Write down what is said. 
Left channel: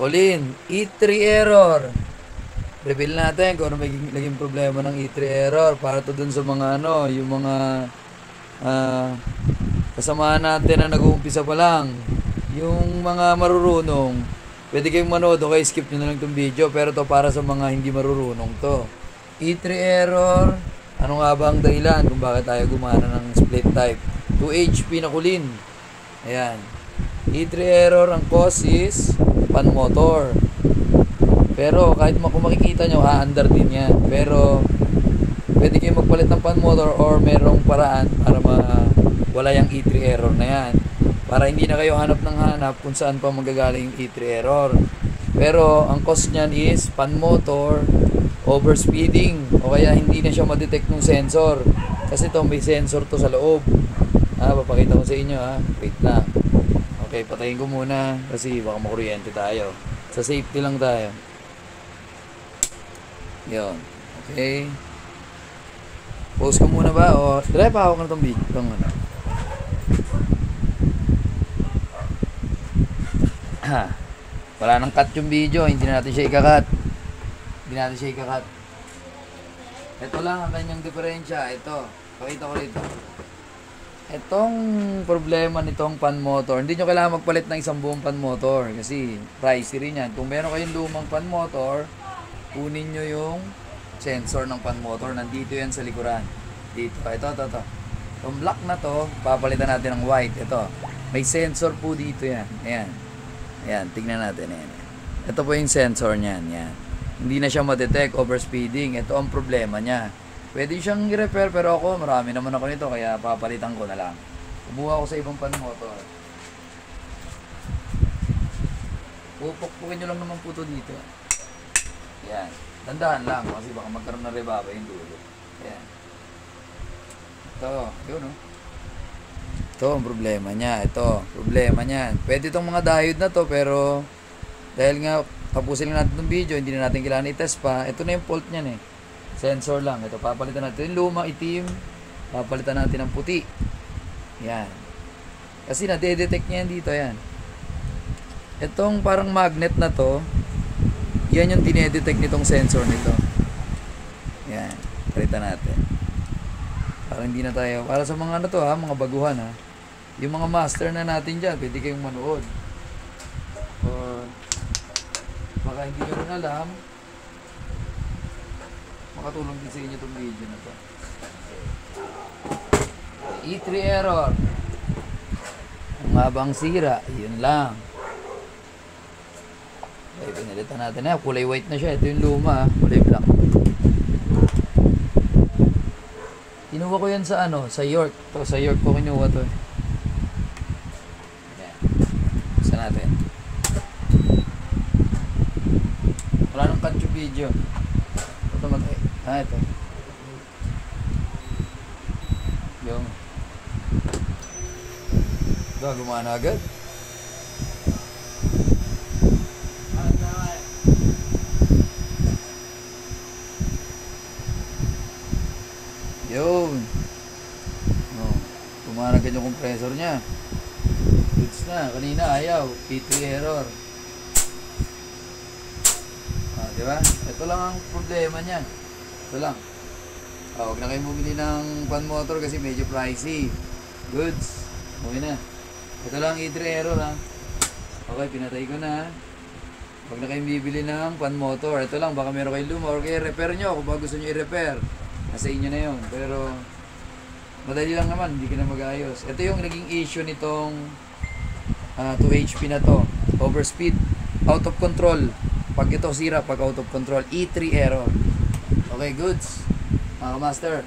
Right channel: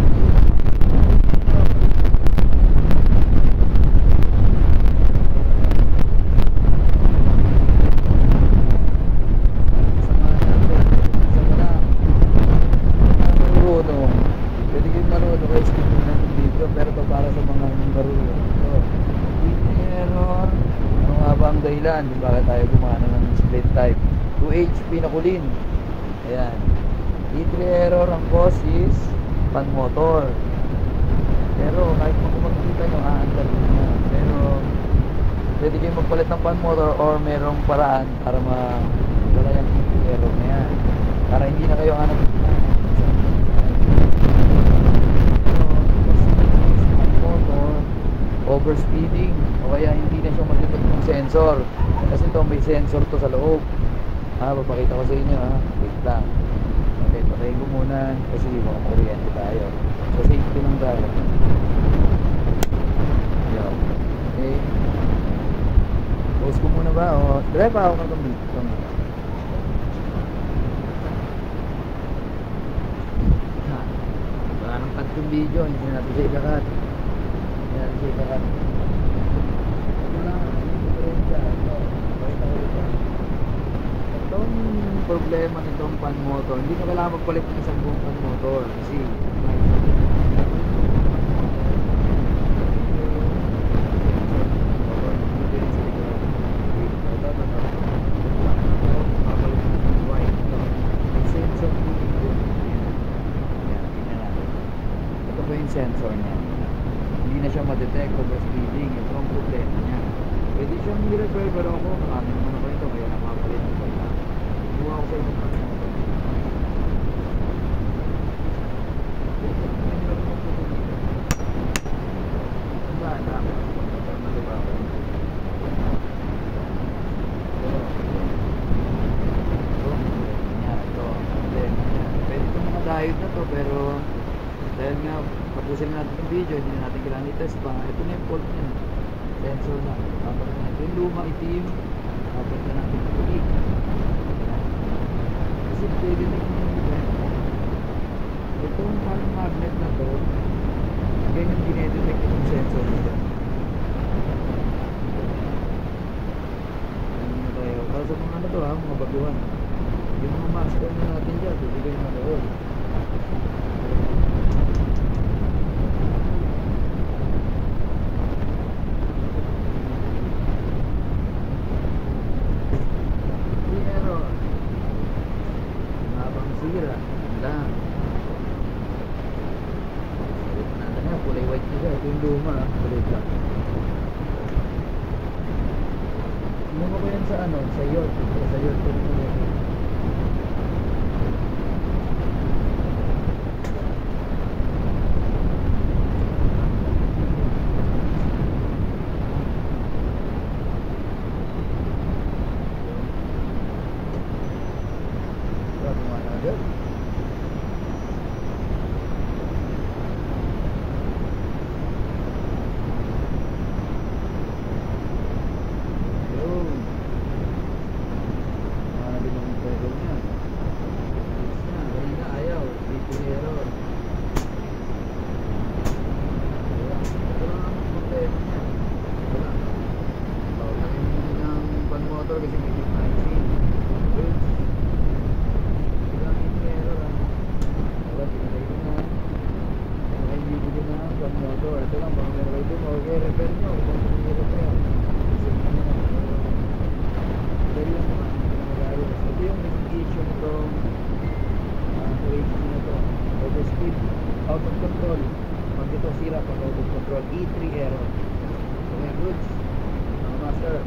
Pinakulin. E3 error. Reveal natin kung ano may naging problema ng E3 error para to dun sa mga ano, yung mga kasamahan natin na nag-uumpisa pa lang. Yung mga marurunong, pwede kayong manood o kayo skip nyo na lang itong video, pero to para sa mga hindi marurunong to. E3 error, ano nga ba ang dahilan kung bakit tayo gumana ng split type? 2H pinakulin. Ayan. E3 error, ang cause is pan motor. Pero kahit kung makikita nyo, under din yan. Pero pwede kayong magpalit ng pan motor or merong paraan para wala yung E3 error na yan. Para hindi na kayo hanap ng hanap kung saan pa magagaling yung E3 error. Pero ang cause niyan is pan motor, overspeeding, o kaya hindi na siya ma-detect ng sensor. Kasi ito may sensor to sa loob. Papakita ko sa inyo wait lang. Okay, patayin ko muna kasi baka makuryente tayo. Sa safety lang tayo. Yo. Okay. Pause ko muna ba? O, drive pa ako ng itong video. Wala nang cut yung video. Hindi na natin siya ikakat. Ito lang ang kanyang diferensya. Ito. Pakita ko rito. Itong problema nitong pan motor, hindi nyo kailangan magpalit ng isang buong pan motor kasi pricey rin yan. Kung meron kayong lumang pan motor, kunin nyo yung sensor ng pan motor. Nandito yan sa likuran. Dito pa. Ito. Yung black na to, papalitan natin ng white. Ito. May sensor po dito yan. Ayan, tignan natin. Ito po yung sensor niyan. Yan. Hindi na siya ma-detect overspeeding. Ito ang problema niya. Pwede siyang i-repair pero ako, marami naman ako nito kaya papalitan ko na lang. Kumuha ako sa ibang pan motor. Pupukin nyo lang po magputo dito. Ayan. Tandaan lang kasi baka magkaroon na riba pa yun. Ito ang problema niya. Problema niya. Pwede itong mga diode na to pero dahil nga tapusin lang natin yung video, hindi na natin kailangan i-test pa. Ito na yung fault niyan Sensor lang. Ito papalitan natin yung lumang itim. Papalitan natin ng puti. Yan. Kasi na-detect niya yan dito yan. Itong parang magnet na to, yan yung dinedetect nitong sensor nito. Yan. Palitan natin. Para hindi na tayo. Para sa mga ano to mga baguhan Yung mga master na natin dyan, pwede kayong manood. So, makahindi nyo na lang. Makatulog kasi inyo po dito. E3 error. Mabang sira. Yun lang. Dito natin kulay white na siya. Ito yung luma. Kulay black. Kinuha ko yan sa sa York. Ito, sa York ko kinuha to. Agad. Yun. Kumanagad yung compressor niya. Goods na. Kanina ayaw. E3 error. Diba? Ito lang ang problema niya. Ito lang. Huwag na kayo bumili ng pan motor kasi medyo pricey. Goods. Okay na. Ito lang E3 error Okay, pinatay ko na. Huwag na kayong bibili ng pan motor. Ito lang, baka meron kayong luma or kaya repair nyo kung baka gusto nyo i-repair. Sa inyo na yun. Pero madali lang naman, hindi ka na mag-ayos. Ito yung naging issue nitong 2HP na to. Overspeed. Out of control. Pag ito sira, pag out of control. E3 error. Okay, goods. Mga master.